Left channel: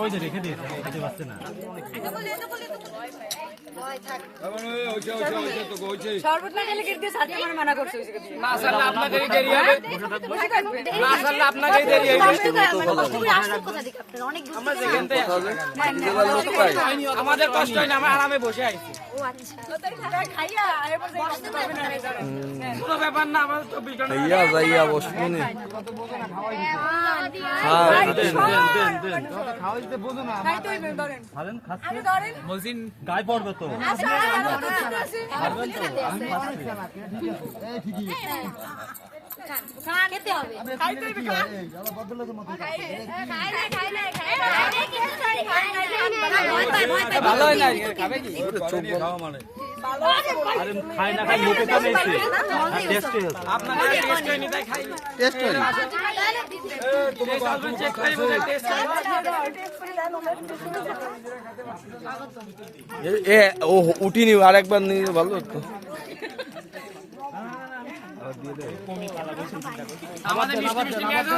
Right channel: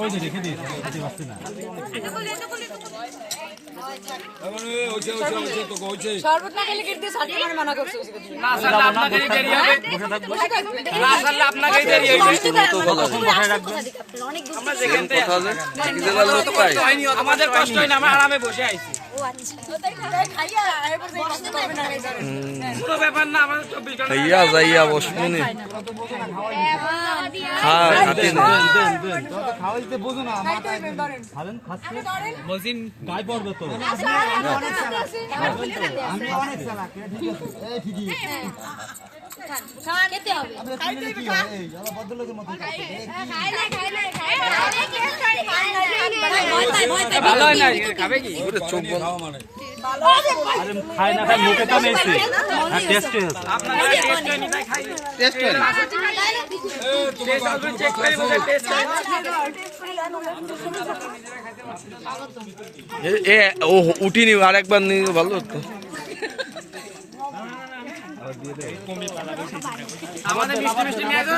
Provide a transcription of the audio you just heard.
ওই যে রেখে দিয়েছে খেতে পারছে না। শরবত না খেলে কেটে সাথে মানে মানা করছে না স্যার আপনাদেরই দেরি হবে, না স্যার আপনাদেরই দেরি হবে। অনেক দূর কথা আছে ডিজেল আলো তো পাই আমাদের কষ্ট হয় না, আমরা আরামে বসে আইছি। ও আচ্ছা খাইয়া এরপর বসতে পারবে না কোনো ব্যাপার না, আমাদের 24 ঘন্টা খাইয়া যাইয়া বসমনি খা খাতি না খাওয়াইতে বোঝো না খালেন খাচ্ছে মজিন গায়ে পড়বে তো। খেতে হবে ভালো হয় না, খাবে কি? ওরে চোখ বন্ধ আরে খাই না খাই মুখে তো নেইছে টেস্ট হয়েছে। এ ও উঠিনি আরেকবার নিয়ে ভালো তো আমাদের মিষ্টি মিষ্টি